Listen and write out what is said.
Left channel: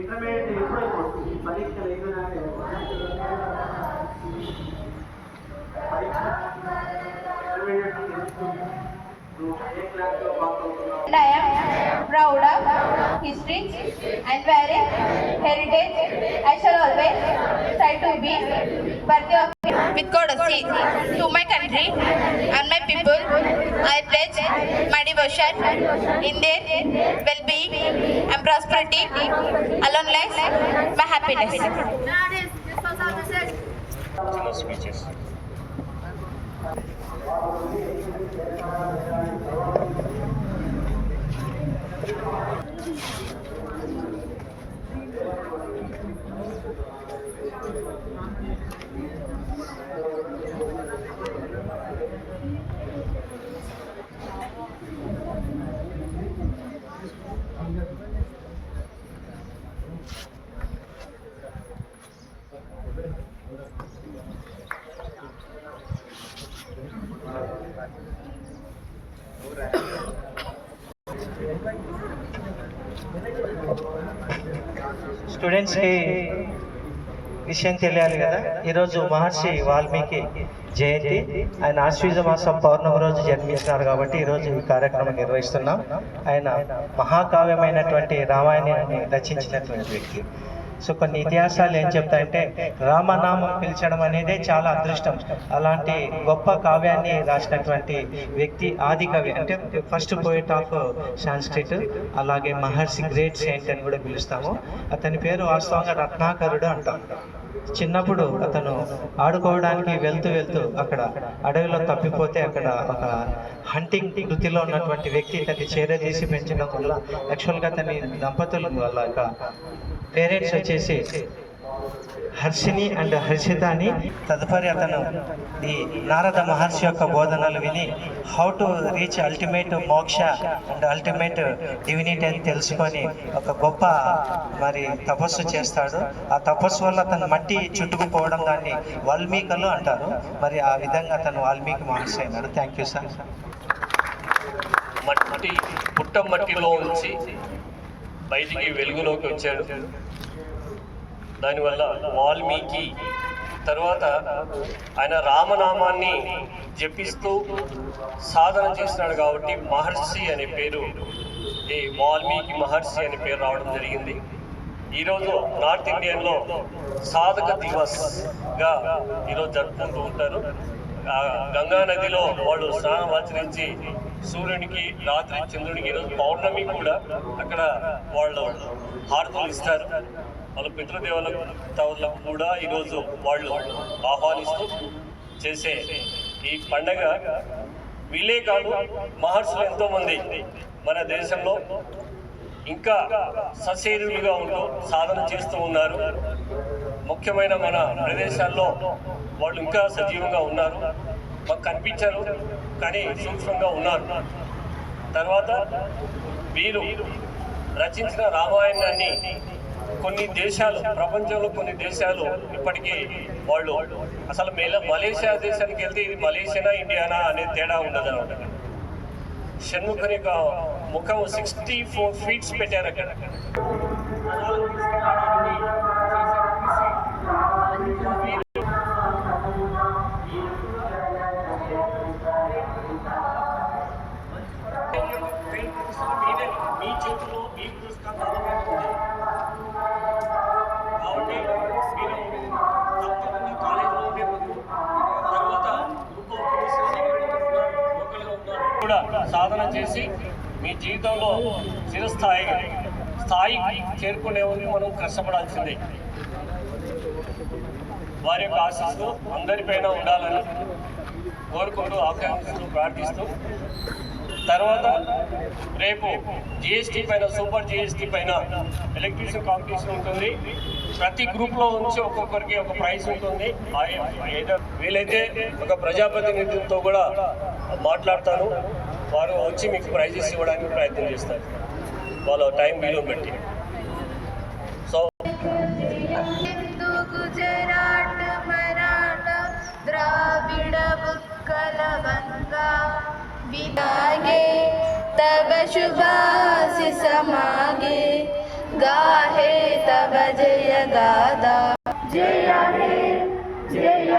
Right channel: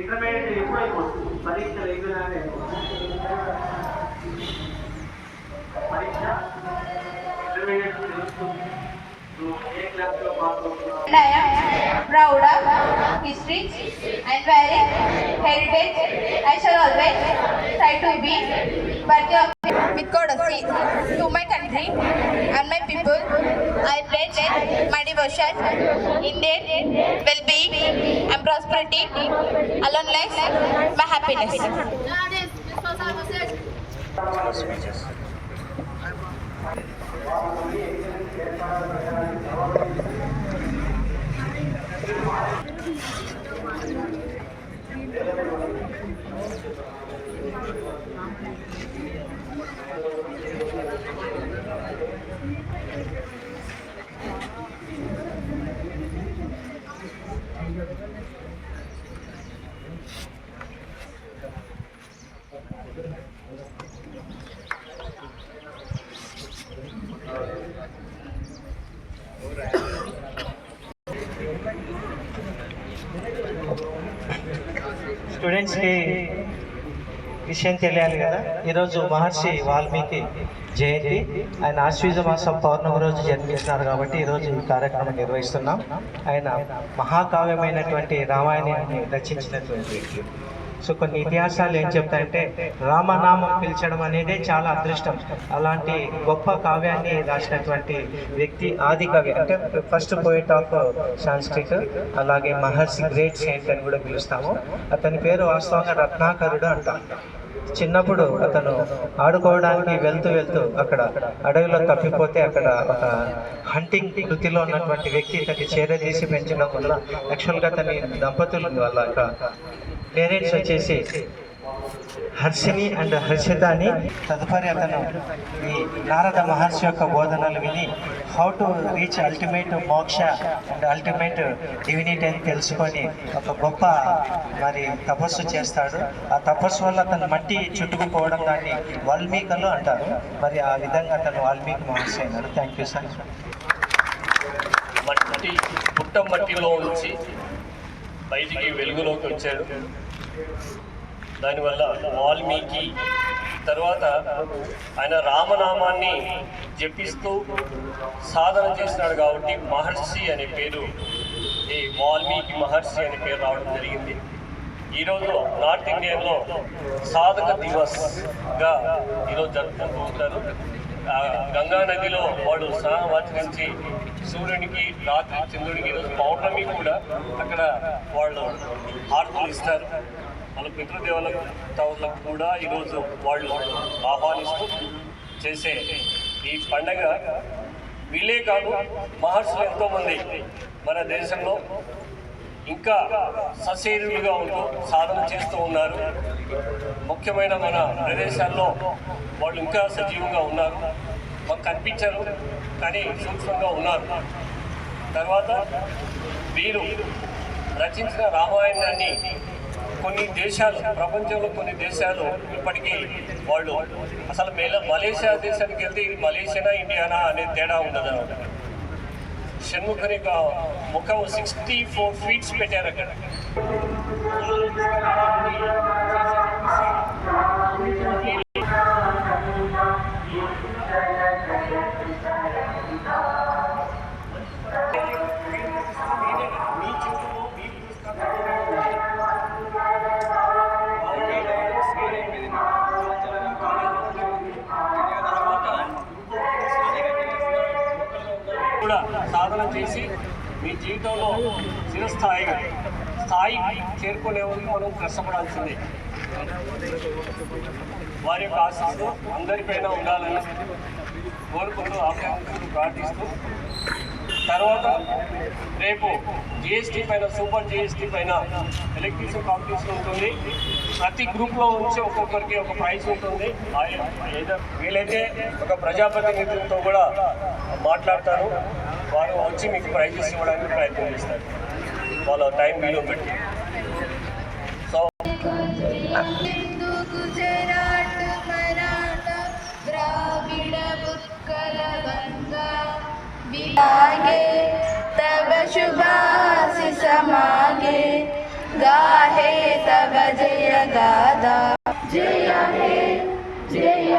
Intermediate ఎప్పుడైపో పరీక్ష అయిపోయినాకే పరీక్ష intermediate తెలుస్తుంది. And I am proud of history and valuing heritage. I shall always try to be working with courtesy to my country and my people. I pledge my devotion in their well-being and prosperity, along life my happiness. Students కి విషయం తెలియాలి కదా. ఈరోజు మహర్షి వాల్మీకి జయంతి, ఆయన ఆశ్వీజ మాసం పౌర్ణమి రోజు జన్మించినారు కాబట్టి ఈరోజు ఈ కార్యక్రమం నిర్వహిస్తున్నాం. ఆయన మహాకావ్యమైనటువంటి రామాయణాన్ని రచించినటువంటి వ్యక్తి. సో కొన్ని ఇతిహాసాలు ఏం చెప్తాయంటే రామనామం పిలిచడం అనేది చాలా అదృష్టం. అలాంటి గొప్ప కావ్యాన్ని రాసినటువంటి వ్యక్తి ఆది కవి, అంటే ఫస్ట్ పోయిట్ ఆఫ్ సాంస్క్రిట్. అలాగే మహర్షి గ్రేట్ సెయింట్ అని కూడా పిలుస్తాము. అతని పేరు వాస్తవంగా రత్నాకరుడు అంటాం. చిన్నప్పుడు అతను ఆడుకోవడానికి వెళ్తూ అక్కడ అడవిలో తప్పిపోతే అక్కడ ఒక హంటింగ్ వృత్తిలో ఉన్నటువంటి వ్యక్తి ఇతన్ని చేరదీసి పెంచడం వల్ల యాక్చువల్గా అతని దంపతులు వాళ్ళ పేరెంట్స్ వచ్చేసి హర్షిని అండ్ హర్షిత అని. తదుపరి అతను ఈ నారద మహర్షి యొక్క బోధనలు విని హౌ టు రీచ్ అల్టిమేట్ మోక్ష అండ్ అల్టిమేట్ డివినిటీ అని తెలుసుకొని ఒక గొప్ప మరి తపస్సు చేస్తాడు. ఆ తపస్సు వల్ల అతను మట్టి చుట్టుకుపోవడం దాన్ని వాల్మీకలు అంటారు. మరి ఆ విధంగా అతను వాల్మీకి మహర్షి అయినాడు. Thank you sir. మట్టి పుట్ట మట్టిలో ఉంచి బయటికి వెలుగులోకి వచ్చాడు. దానివల్ల వాల్మీకి తర్వాత ఆయన రామనామాన్ని జపిస్తూ సాధన చేసినాడు కాబట్టి మహర్షి అనే పేరు, ఈ వాల్మీకి మహర్షి అనే పేరు రావడం జరిగింది. ఈరోజు నార్త్ ఇండియన్లో సాధక దివస్గా ఈరోజు జరుపుకుంటూ ఉంటారు. గంగా నదిలో వాళ్ళు స్నానం ఆచరించి సూర్యునికి రాత్రి చంద్రుడికి ఈరోజు పౌర్ణమి కూడా అక్కడ వాళ్ళు హారతులు ఇస్తారు. వాళ్ళ పితృదేవతలకు కూడా ఈరోజు వాళ్ళు ఆహ్వానిస్తూ చేసే ఈ పండగ వీళ్ళే కాదు, మహర్షులు ఎంతోమంది మన దేశంలో ఇంకా సశరీరులుగా ఉంటూ సాధన చేస్తూ ఉన్నారు. ముఖ్యమైన మన ప్రదేశాల్లో వాళ్ళు ఇంకా సజీవంగా ఉన్నారు. మాకు కనిపించారు కానీ సూక్ష్మంగా ఉన్నారు. తర్వాత వీరు రచించిన రామాయణాన్ని కొన్ని దేశాలు, ప్రపంచంలో కొన్ని దేశాలు ఇప్పటికీ వాళ్ళు అసలు మలేషియా దేశానికి వెళ్తే ఇది మలేషియానా ఇండియానా అనే తేడా ఉండదు అనమాట. షణ్ముఖని ముఖం 64 feet పెట్టారు అక్కడ. మీ చేతిలో మీ కూడా సాధన చేసి మీ జీవితంలో స్థాయి చేరుకునే వరకు మనం కష్టపడాల్సిందే. వారి యొక్క ఆశీస్సులు అందరిపైన ఉండాలని కోరుకుంటూ ఆకాంక్షలు ప్రార్థిస్తూ, తర్వాత రేపు జిఎస్టీ పైన, సూపర్ జిఎస్టీ పైన ఎలక్ట్రిసిటీ కాంపిటీషన్ ఉంటుంది. ప్రతి గ్రూప్లో నుంచి ఒక్కొక్కరికి ఒక ప్రైజ్ ఉంటుంది. వీలైతే ఒక ప్రజాప్రతినిధులతో కూడా మాట్లాడతాను, వారు వచ్చి మీకు ప్రైజెస్ ఇవ్వడానికి ప్రయత్నం చేస్తారు వాళ్ళ టైం వీలు పెట్టి. సో तब शुभाशिष मागे गाहे गादा जय हे जय